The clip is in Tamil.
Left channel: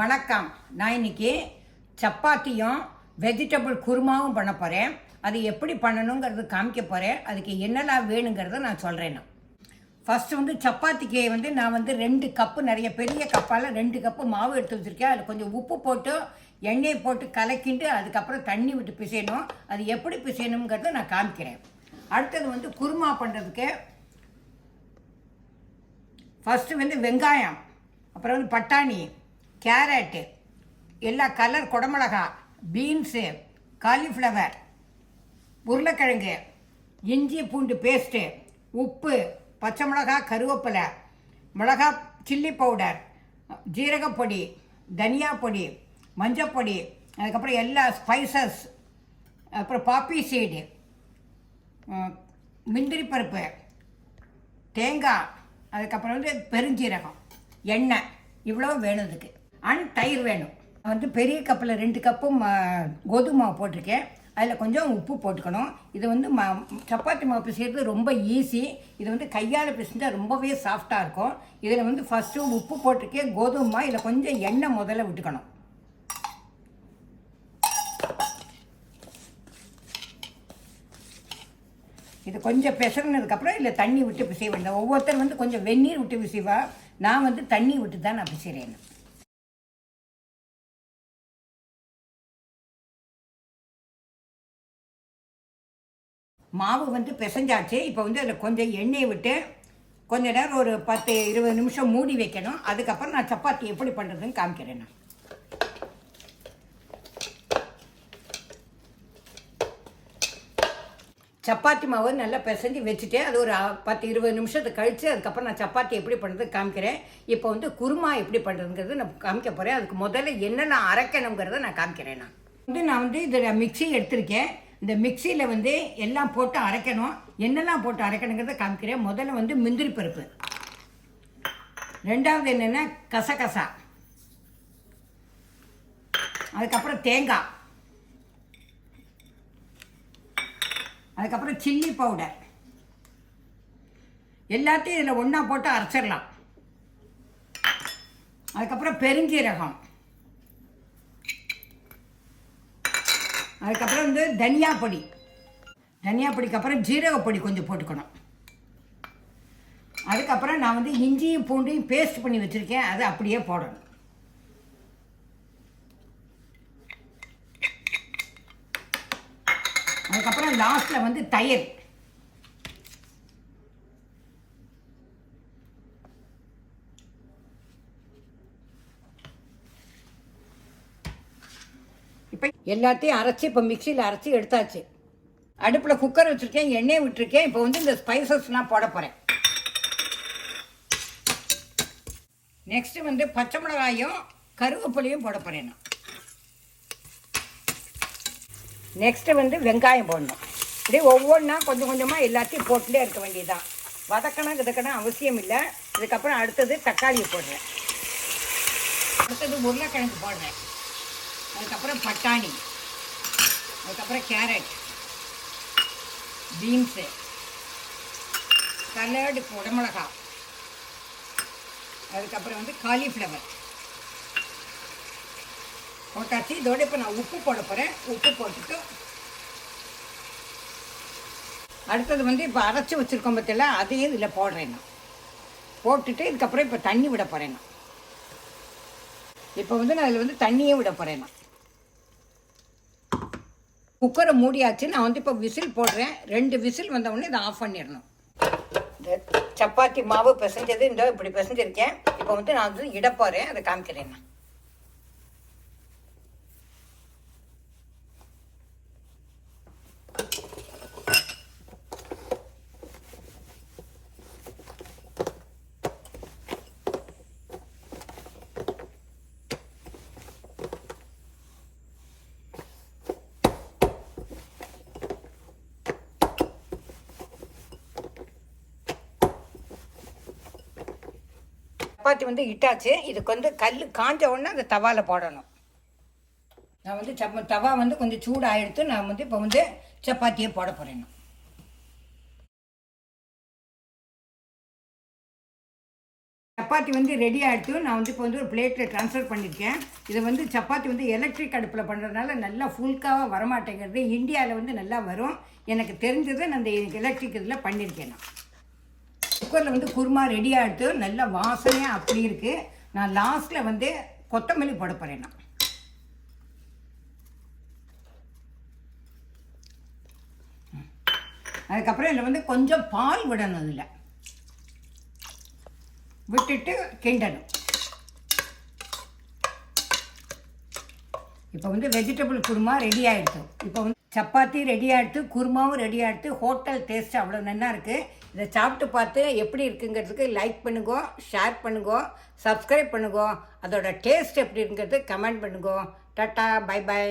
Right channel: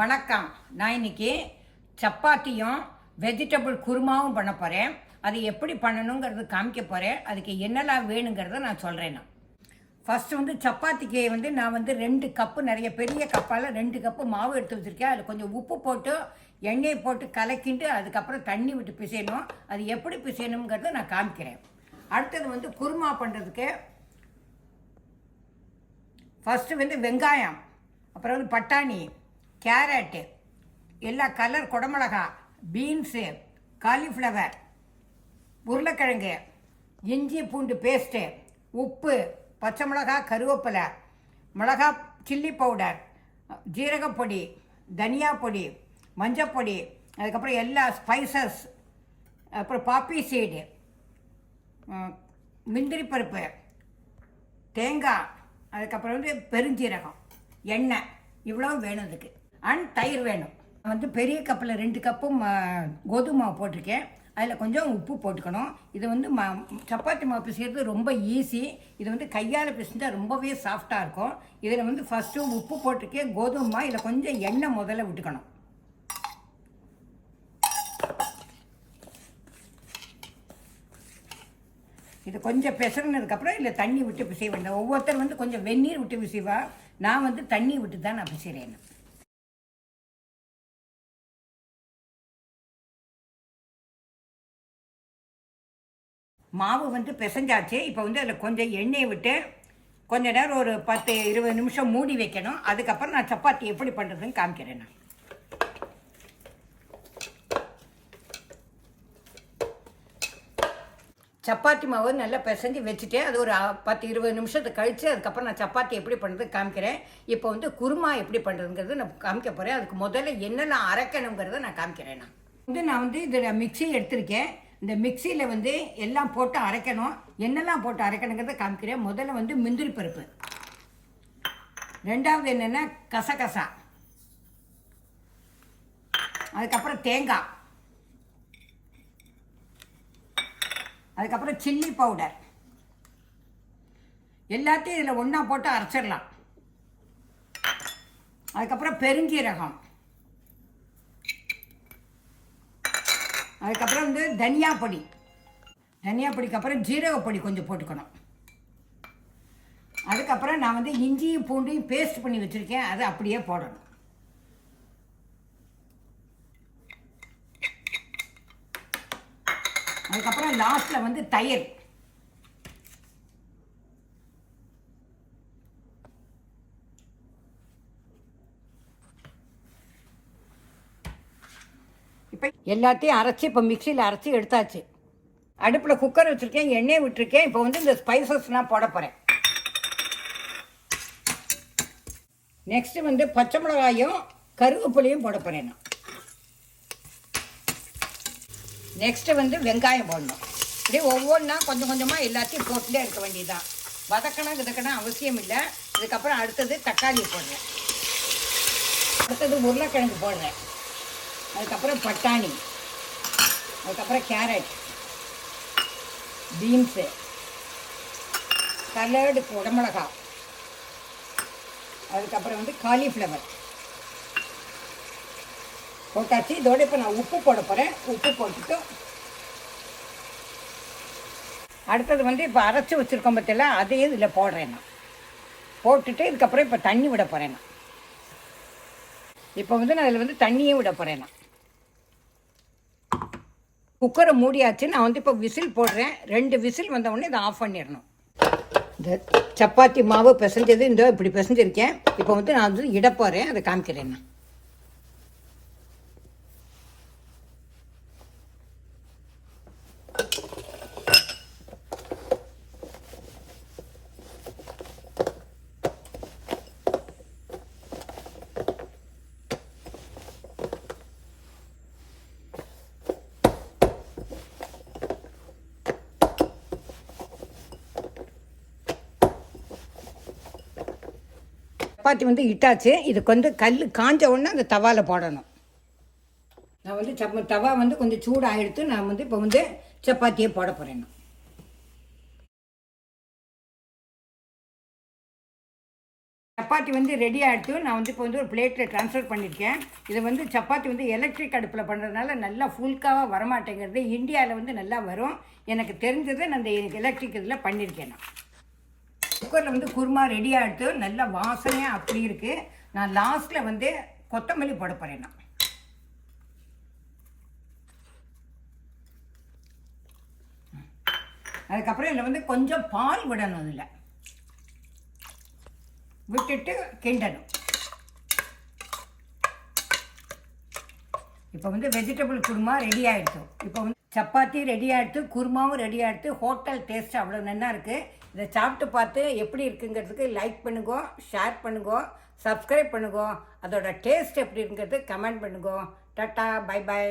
வணக்கம். நான் இன்னைக்கு சப்பாத்தியும் வெஜிடபிள் குருமாவும் பண்ண போகிறேன். அது எப்படி பண்ணணுங்கிறது காமிக்க போகிறேன். அதுக்கு என்னெல்லாம் வேணுங்கிறத நான் சொல்கிறேன். ஃபஸ்ட்டு சப்பாத்திக்கு நான் 2 கப்பு நிறைய பெரிய கப்பால் 2 கப்பு மாவு எடுத்து வச்சுருக்கேன். அதில் கொஞ்சம் உப்பு போட்டு எண்ணெயை போட்டு கலக்கிட்டு அதுக்கப்புறம் தண்ணி விட்டு பிசையணும். அது எப்படி பிசையணுங்கிறத நான் காமிக்கிறேன். அடுத்தது குருமா பண்ணுறதுக்கு ஃபஸ்ட்டு வெங்காயம், அப்புறம் பட்டாணி, கேரட்டு, எல்லா கலர் குடமிளகா, பீன்ஸு, காலிஃப்ளவர், உருளைக்கிழங்கு, இஞ்சி பூண்டு பேஸ்ட்டு, உப்பு, பச்சை மிளகா, கருவேப்பிலை, மிளகா, சில்லி பவுடர், ஜீரகப்பொடி, தனியா பொடி, மஞ்சப்பொடி, அதுக்கப்புறம் எல்லா ஸ்பைசஸ், அப்புறம் பாப்பி சீடு, முந்திரி பருப்பு, தேங்காய், அதுக்கப்புறம் பெருஞ்சீரகம், எண்ணெய், இவ்வளோ வேணும். இதுக்கு தயிர் வேணும். பெரிய கப்பில் 2 கப்பும் கோதுமை மாவு போட்டிருக்கேன். அதில் கொஞ்சம் உப்பு போட்டுக்கணும். இது சப்பாத்தி மாவு பிசைகிறது ரொம்ப ஈஸி. இது கையால் பிசைஞ்சால் ரொம்பவே சாஃப்டாக இருக்கும். இதில் ஃபஸ்ட்டு உப்பு போட்டிருக்கேன், கோதுமை மாவு, இதில் கொஞ்சம் எண்ணெய் முதல்ல விட்டுக்கணும். இது கொஞ்சம் பிசைனதுக்கப்புறம் இதில் தண்ணி விட்டு பிசைய வேண்டாம். ஒவ்வொருத்தர் கொஞ்சம் வெந்நீர் விட்டு பிசைவா. நான் தண்ணி விட்டு தான் நான் பிசைகிறேன். மாவு பிசைஞ்சாச்சு. இப்போ அதில் கொஞ்சம் எண்ணெயை விட்டு கொஞ்ச நேரம் ஒரு 10-20 நிமிஷம் மூடி வைக்கணும். அதுக்கப்புறம் நான் சப்பாத்தி எப்படி பண்ணுறதுன்னு காமிக்கிறேன். நான் சப்பாத்தி மாவு நல்லா பிசைஞ்சு வச்சுட்டு அது ஒரு 10-20 நிமிஷத்துக்கு கழித்து அதுக்கப்புறம் நான் சப்பாத்தி எப்படி பண்ணுறது காமிக்கிறேன். இப்போ குருமா எப்படி பண்ணுறதுங்கிறது நான் காமிக்க போகிறேன். அதுக்கு முதல்ல என்னெல்லாம் அரைக்கணுங்கிறத நான் காமிக்கிறேன். நான் இதில் மிக்சி எடுத்திருக்கேன். இந்த மிக்சியில் எல்லாம் போட்டு அரைக்கணும். என்னெல்லாம் போட்டு அரைக்கணுங்கிறத காமிக்கிறேன். முதல்ல முந்திரி பருப்பு, ரெண்டாவது என்னென்னா கசகசா, அதுக்கப்புறம் தேங்காய், அதுக்கப்புறம் சில்லி பவுடர், எல்லாத்தையும் இதில் ஒன்றா போட்டு அரைச்சிடலாம். அதுக்கப்புறம் பெருஞ்சீரகம், அதுக்கப்புறம் தனியா பொடி, தனியா பொடிக்கு அப்புறம் ஜீரகப்பொடி கொஞ்சம் போட்டுக்கணும். அதுக்கப்புறம் நான் இஞ்சியும் பூண்டையும் பேஸ்ட் பண்ணி வச்சுருக்கேன், அதை அப்படியே போடணும். அதுக்கப்புறம் லாஸ்ட்டில் தயிர். இப்போ எல்லாத்தையும் அரைச்சி இப்போ மிக்சியில் அரைச்சி எடுத்தாச்சு. அடுப்பில் குக்கர் வச்சுருக்கேன், எண்ணெய் விட்டுருக்கேன். இப்போ இந்த ஸ்பைசஸ்லாம் போட போகிறேன். நெக்ஸ்ட்டு பச்சை மிளகாயும் கருவேப்பிலையும் போட போகிறேன். நான் நெக்ஸ்ட்டு வெங்காயம் போடணும். இப்படி ஒவ்வொன்றா கொஞ்சம் கொஞ்சமாக எல்லாத்தையும் போட்டுட்டே இருக்க வேண்டியதுதான். வதக்கணும் அவசியம் இல்லை. இதுக்கப்புறம் அடுத்தது தக்காளி போடுறேன், அடுத்தது உருளைக்கிழங்கு போடுறேன், அதுக்கப்புறம் பட்டாணி, அதுக்கப்புறம் கேரட், பீன்ஸு, கலர்டு குடமிளகா, அதுக்கப்புறம் காலிஃப்ளவர் போட்டாச்சு. இதோட இப்போ நான் உப்பு போட போகிறேன். உப்பு போட்டுட்டு அடுத்தது இப்போ அரைச்சி வச்சுருக்கோம் பற்றில அதையும் இதில் போடுறேன். நான் போட்டுட்டு இதுக்கப்புறம் இப்போ தண்ணி விட போகிறேன். நான் இப்போ நான் அதில் தண்ணியே விட போகிறேன். நான் குக்கரை மூடியாச்சு. நான் இப்போ விசில் போடுறேன். 2 விசில் வந்தவுடனே இதை ஆஃப் பண்ணிடணும். இந்த சப்பாத்தி மாவு பிசைஞ்சது இப்படி பிசைஞ்சிருக்கேன். இப்போ நான் இட போகிறேன், அதை காமிக்கிறேன். நான் சப்பாத்தி இட்டாச்சு. இதுக்கு கல் காஞ்ச உடனே அந்த தவாவில் போடணும். நான் தவா கொஞ்சம் சூடாகிடுத்து. நான் இப்போ சப்பாத்தியே போட போகிறேன். சப்பாத்தி வந்து ரெடி ஆகிடுத்து. நான் வந்து இப்போ வந்து ஒரு பிளேட்டில் ட்ரான்ஸ்ஃபர் பண்ணியிருக்கேன். இதை வந்து சப்பாத்தி வந்து எலக்ட்ரிக் அடுப்பில் பண்ணுறதுனால நல்லா ஃபுல்காவாக வரமாட்டேங்கிறது. இந்தியாவில் வந்து நல்லா வரும். எனக்கு தெரிஞ்சதை நான் இந்த எலக்ட்ரிக் இதில் பண்ணியிருக்கேன். நான் குக்கரில் வந்து குருமா ரெடி ஆகிடுத்து. நல்லா வாசனையாக அப்படி இருக்குது. நான் லாஸ்ட்டில் வந்து கொத்தமல்லி போட போகிறேன். நான் அதுக்கப்புறம் இதில் வந்து கொஞ்சம் பால் விடணும். அதில் விட்டுட்டு கிண்டணும். இப்போ வந்து வெஜிடபிள் குருமா ரெடி ஆகிடுச்சு. இப்போ வந்து சப்பாத்தி ரெடி ஆகிடுச்சு, குருமாவும் ரெடி ஆகிடுச்சு. ஹோட்டல் டேஸ்ட் அவ்வளோ நல்லா இருக்குது. இதை சாப்பிட்டு பார்த்து எப்படி இருக்குங்கிறதுக்கு லைக் பண்ணுங்க, ஷேர் பண்ணுங்க, சப்ஸ்கிரைப் பண்ணுங்க. அதோட டேஸ்ட் எப்படி இருக்குங்கிறது கமெண்ட் பண்ணுங்க. டாட்டா, பை பை.